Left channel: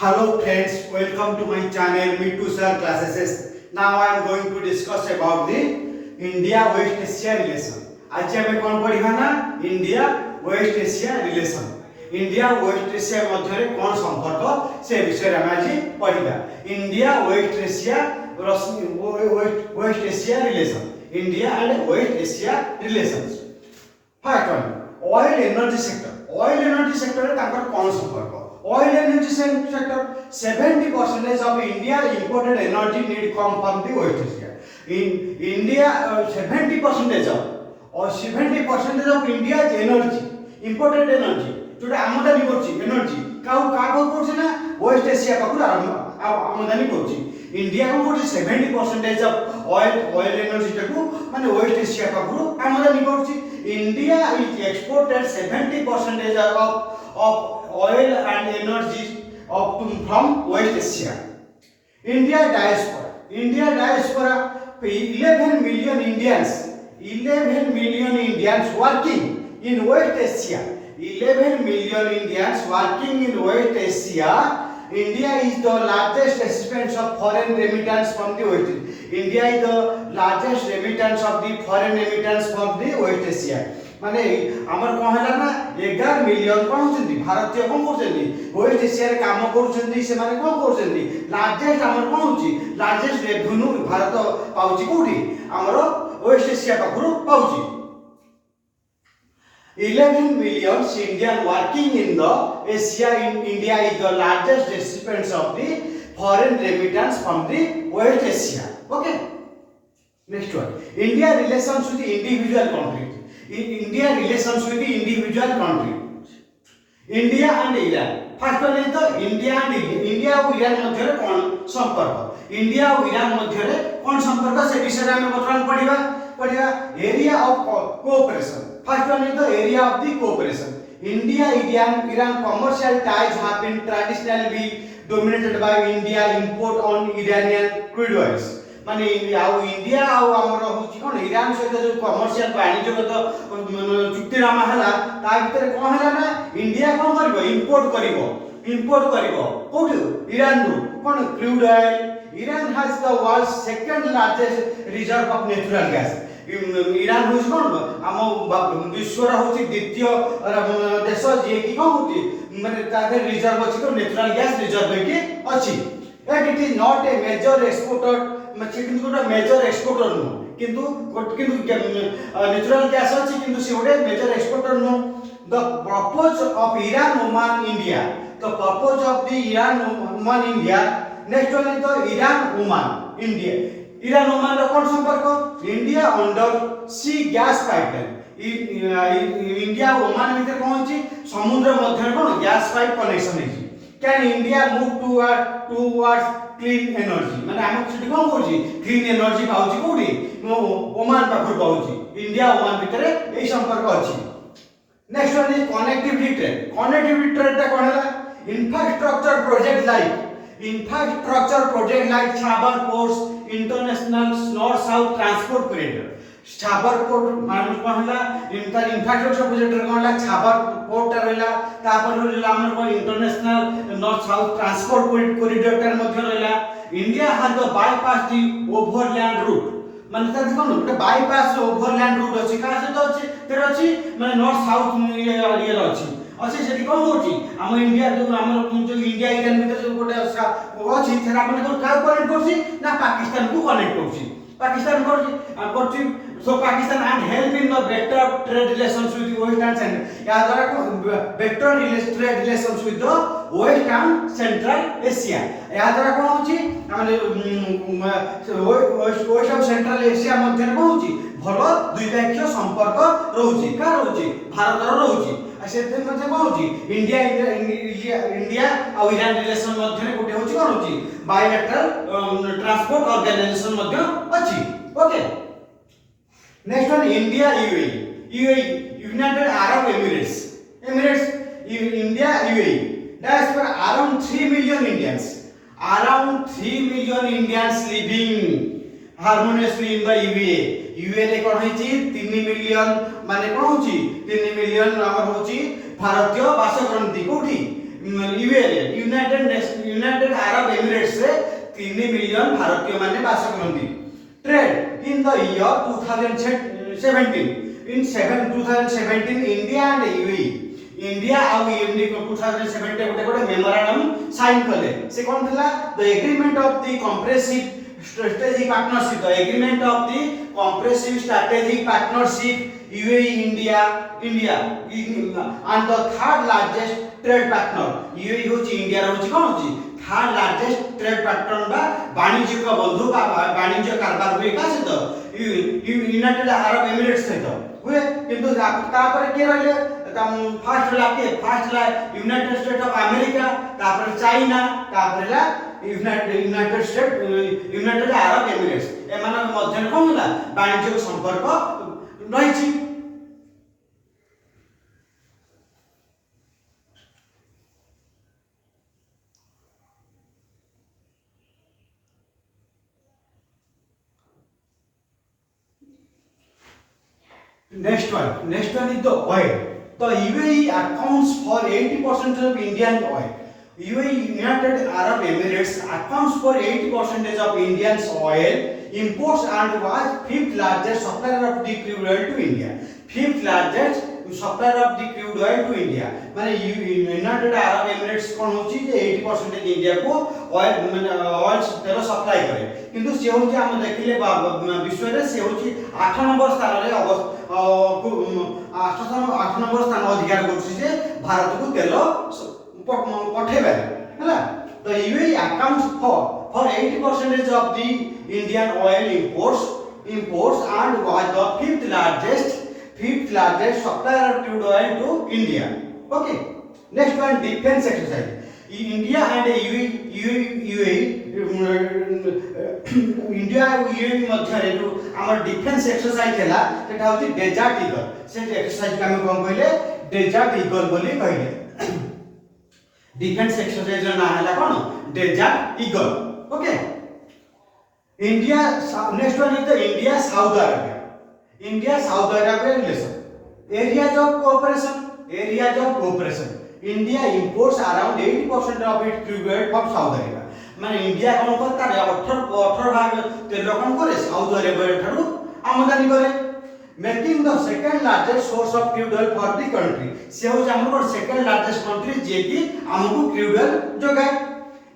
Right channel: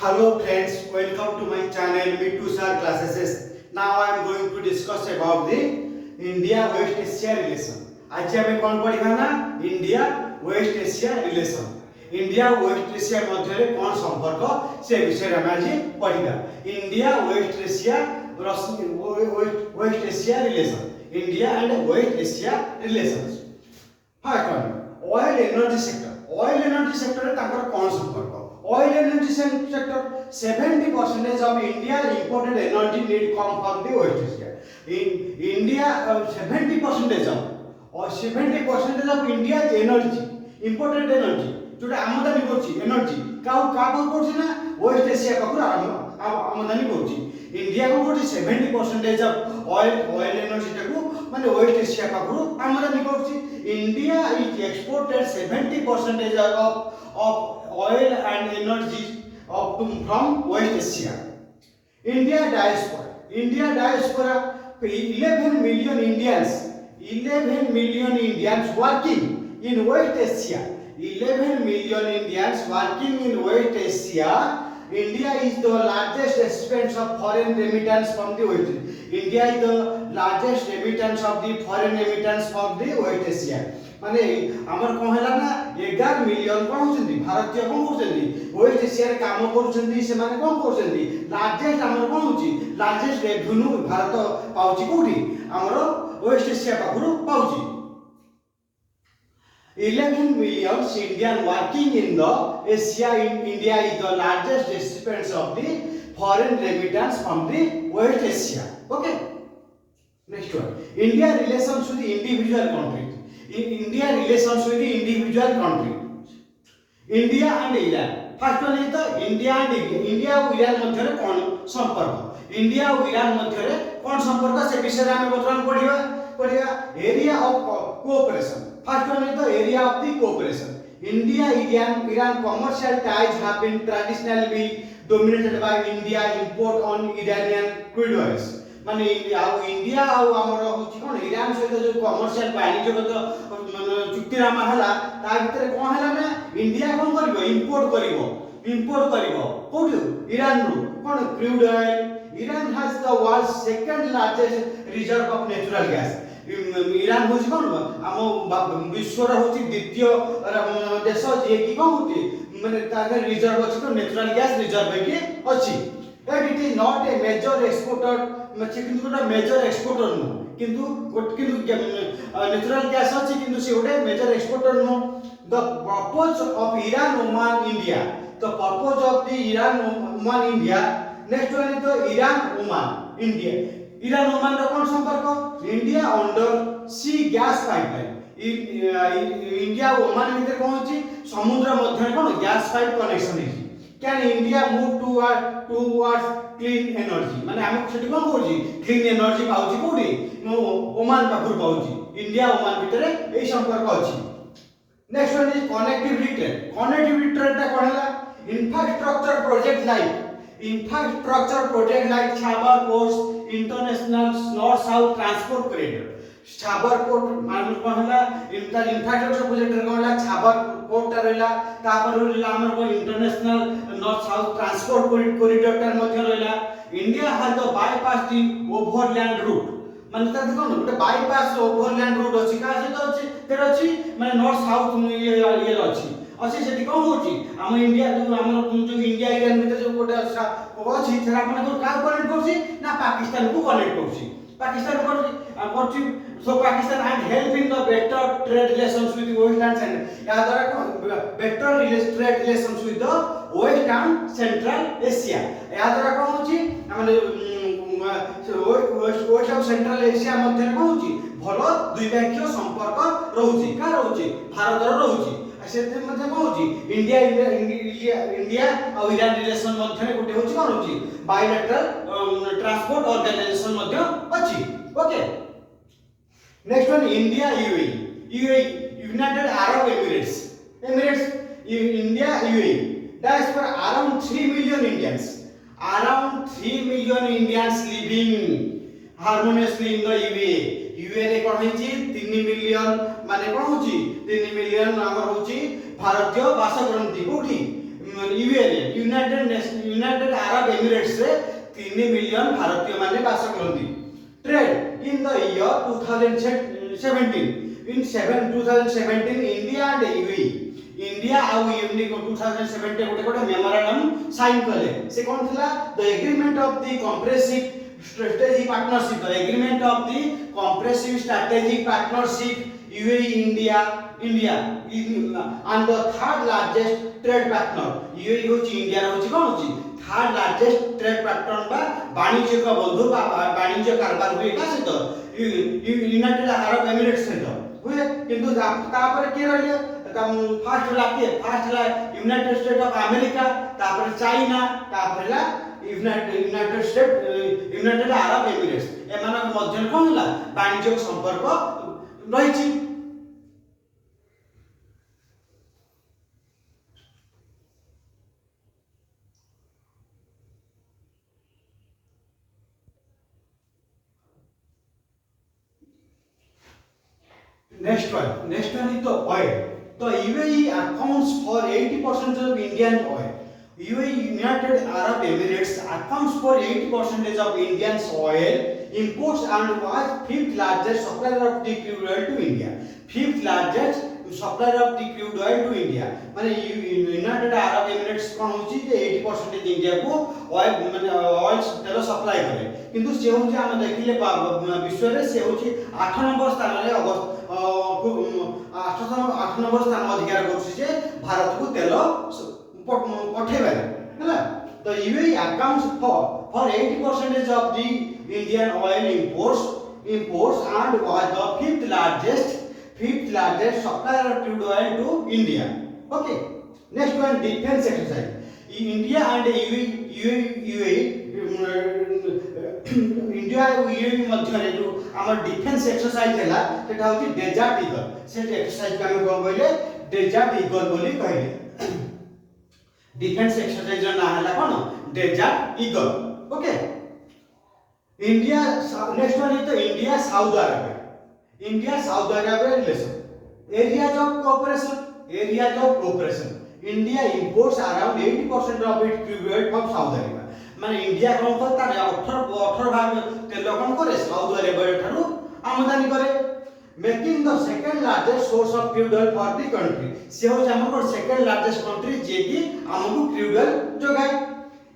Hello friends, welcome to my channel Mittu Sir Classes. Now I am going to discuss about the India West Asia relation. आज हमें कौन पढ़िबा ना India West Asia relation. India West Asia मध्य कौन संपर्क से विषय में आज पढ़िबा. India West Asia relation. India and West Asia relations. First one oil energy sector. Oil energy sector रे ताकर कौन संपर्क. Oil energy sector 70% of India imported energy need come from the West Asia. In India 70% of India's energy imported energy जोटा आमदानी करछि energy का करछि ना वेस्ट एशिया पाखु आमदानी करछि. इंडिया को करछि 70% ऑफ ऑयल एनर्जी टाकू माने वेस्ट एशिया पाखु आमदानी करछि. India is exported 70% of oil and energy from West Asia. India diaspora 11 million Indians working in West Asia. 11 million Indians working in West Asia. India is the largest recipient of foreign remittance from the West. India is the largest remittance of the foreign remittance from the West Asia. माने हमर कोन हला ना 11 million कोन होचंदी भारतीय कोन करचंदी waste Asia रे काम करचंदी. से माने कोन करचंदी largest हमर कोन होची लार्जेस्ट रेवेन्यू भारत पाउची कोठी हमर waste Asia पाखरु पाउची. 11 million Indian working in the Asia. In India is the largest recipients of the foreign remittance from the West Asia. Okay, next one India relations with individual countries. India relations with the individual country. India and Iran. First one is the India और Iran मध्य रे कोन संपर्क. India और Iran मध्य रे कोन संपर्क से विषय रे हम बर्तमान पढ़िबा area of cooperation. First one is the area of the cooperation. India Iran commercial ties have been traditionally dominated by India import on Iranian crude oils. माने इंडिया आउ हमर होची कोन ईरान सहित जो कमर्शियल वाणिज्यगत चुक्तिनामा हला ता भितर कोन हला ना इंडिया कोन करबो इंपोर्ट करबो कोठु ईरान रु कोन crude oil. Iran has the world second largest reserve of natural gas. Iran होची कोन हम विश्व रा होची द्वितीय देश जे की कोन होती माने ताके रिजर्व अछि तो नेचुरल गैस रिजर्व के अछि. But it is not a major exporter. किंतु गोटे मेजर एक्सपोर्टर नु किंतु नेचुरल गैस अछि किंतु से गोटे मेजर एक्सपोर्टर नु. The purpose of Iran Oman India. The purpose of the Iran Oman India. Next one is the Iran Oman India. Iran Oman रो कोन संपर्क. India under sea gas pipeline. India Oman भितर कोन अछि समुद्र मध्य कोन गैस पाइप कनेक्शन अछि. Can India move towards clean energy माने हम छटी कोन करछि क्लीन एनर्जी पाउछि कोठी ओमान पाखर पाउछि. इंडिया ओमान भितर एई संपर्क अछि. Next one is connectivity trade. Connectivity trade ता कोन हला infrastructure project like Chabahar port international north south transport corridor. Chabahar port मान कोन हला इंफ्रास्ट्रक्चर प्रोजेक्ट रे कोन हला छाबर पोर्ट ता रहला तापर रहला हमर को international north south transport corridor ता मध्य रहला. India has the bypass the overland route माने ता कोन गोटे बाईपास ओवरलैंड रूट अछि का से तो अछि फेर अछि माने नॉर्थ साउथ ये अछि अछि सेठी कोन होछि हम इंडिया जो हमर जो इंडिया ईरान भीतर जो गोटे अछि सेरा माने को का कनेक्ट करछि ना पाकिस्तान को कनेक्ट करछि. पाकिस्तान करछि so Pakistan and help in the better trade relations with the West and Central. या द्वारा better trade relations with the West and Central Asia. या द्वारा कोन होछि माने West and Central Asia मध्य कोन होछि भलो द्विपक्षीय संपर्क रहउछि का रहउछि भारत रो रहउछि. सेते मध्य कोन होछि इंडिया और ईरान रिलेशन मध्य गोटे होछि कोन होछि बायलैटरल ट्रांसपोर्ट ऑर्गेनाइजेशन मध्य अछि. Okay, next one India UAE United Arab Emirates. India UAE diaspora around 3 million Indians living harmoniously in the UAE. UAE रे कोन होछि 3 मिलियन माने कोन होछि 3 मिलियन हमर होछि भारतीय वास करंती कोठी यूनाइटेड अरब एमिरेट्स रे 3 मिलियन भारतीय माने बास करती। Trade in the year 2017 in 2017 India and UAE India आउ यूएई 2017 गोटे मेमोरेंडम साइन कले से कोन थिला the agreement of the comprehensive strategic partnership the agreement of the comprehensive strategic partnership UAE India and the third largest trade partner UAE होची India होची कोन होची third largest trade partner बा वाणिज्य का बंधु बा वाणिज्य कारबार हुए का सहित यूनाइटेड अरब एमिरेट्स सहित हुए किंतु तापर के रहले फर्स्ट ला यूनाइटेड स्टेट ऑफ अमेरिका तापर चाइना तापर ला यूनाइटेड अरब एमिरेट्स एमान मध्य कोन होला वाणिज्य संपर्क रहिछि। Next one is the oil. The UAE accounts for 80% of Indian oil. UAE United Arab Emirates accounts for 80% of Indian oil imports and was fifth largest supplier of the crude oil to India. Fifth largest supplier of the crude oil to India. माने United Arab Emirates कौन होची जे 80% India को oil तेल supply करे किंतु से होची हम देखिले विश्व रे से होची 8 नंबर स्थान रे 8 नंबर स्थान अधिकार करछि जे भारत को तेल पठेबे हैला। The UAE accounts for 80% of the Indian oil imports and was the fifth largest supplier of crude oil to India. Okay. Next one, defense exercise. In India and UAE India UAE मध्य रे जो हमर defence exercise हैला सेटा होची desert eagle से exercise का हम कोन कहले डेजर्ट ईगल बोली कहले। डिफेंस एक्सरसाइज ना हैला कोन desert eagle. Okay India next one is the India Saudi Arabia relation areas of cooperation India imports around 80% of its crude oil from Saudi Arabia माने इंडिया कोन करता 18 भाग तेल कोन करे साउथ अरेबिया ठारू आमदानी करे making the second largest source of crude oil for the country से हो हमर सेकंड लार्जेस्ट कंट्री जे कि हमकु क्रूड ऑयल जोगाय।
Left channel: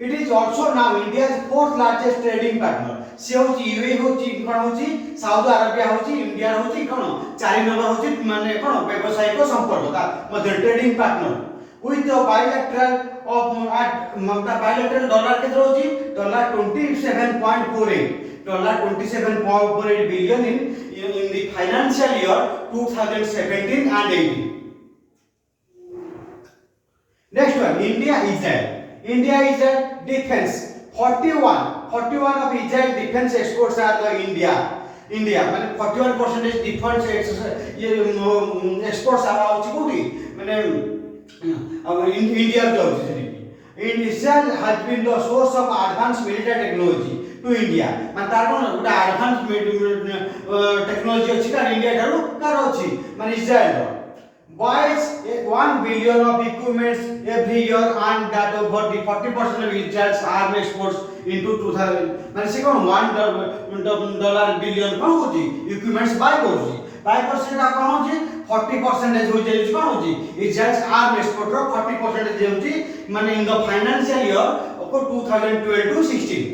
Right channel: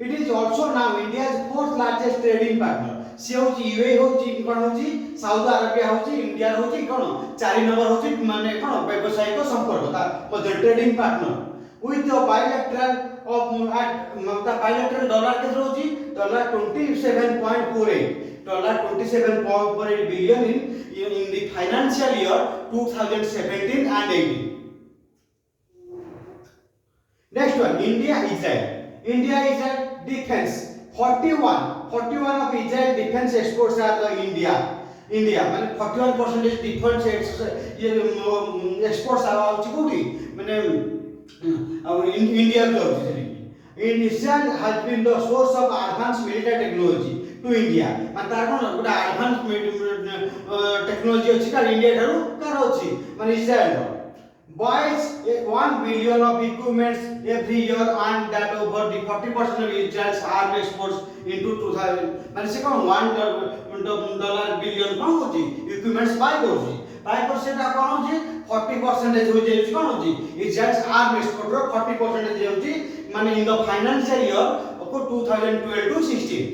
It is also now India's fourth largest trading partner से होची यूएई होची कोन होची साउथ अरेबिया होची इंडिया होची कोन 4 नंबर होची माने कोन व्यवसायिक संपर्क का मध्य trading partner with the bilateral dollar के होची $27.48 billion in the financial year 2017 and 18. Next one, India-Israel defense 41 of Israel defense exports are the India माने 41% defense exports are होची कोठी माने India Israel has been the source of advanced military technology to India माने तार कोन गुटा advance technology अछि का India ठारू car अछि माने इस्राएल buys 1 billion of equipments every year and that over the 40% of Israel's army exports into 2000 माने से कोन $1 billion कोन होची equipments buy होची 5% का कोन होची 40% हो जाई कोन होची Israel's army export रो 40% जे होची माने in the financial year of 2012 to 16.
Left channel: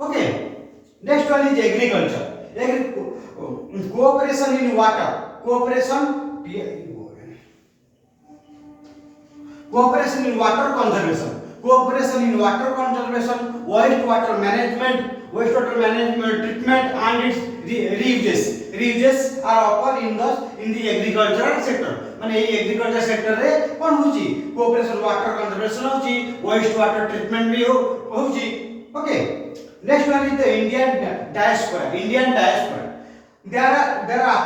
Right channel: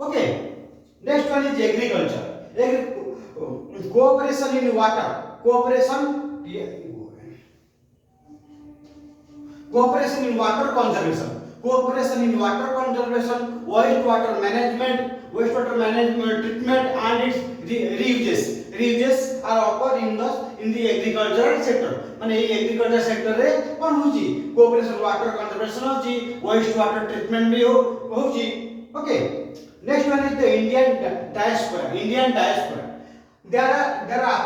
Okay, next one is agriculture cooperation in water cooperation in water conservation wastewater management treatment and its reuses are offered in the agricultural sector माने agriculture sector रे कोन होची cooperation water conservation होची waste water treatment भी होची। Okay next one is the Indian diaspora there are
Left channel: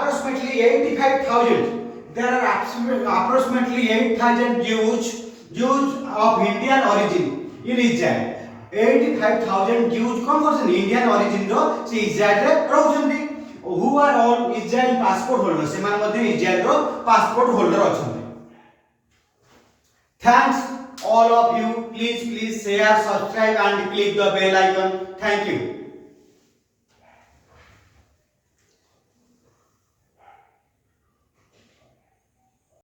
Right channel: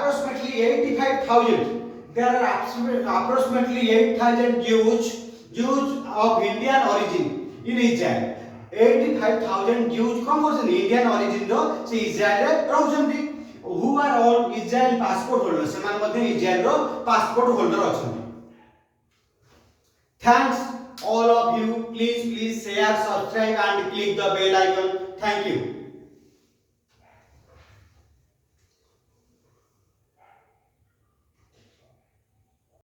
approximately 8,000 Jews of Indian origin in Israel 85,000 Jews कोन करछन Indian origin रो से इस्राएल रे रहउछन्ती who are all Israel passport holders से मान मध्ये इस्राएल रो पासपोर्ट होल्डर अछन्ती। all of you, please share, subscribe and click the bell icon. Thank you.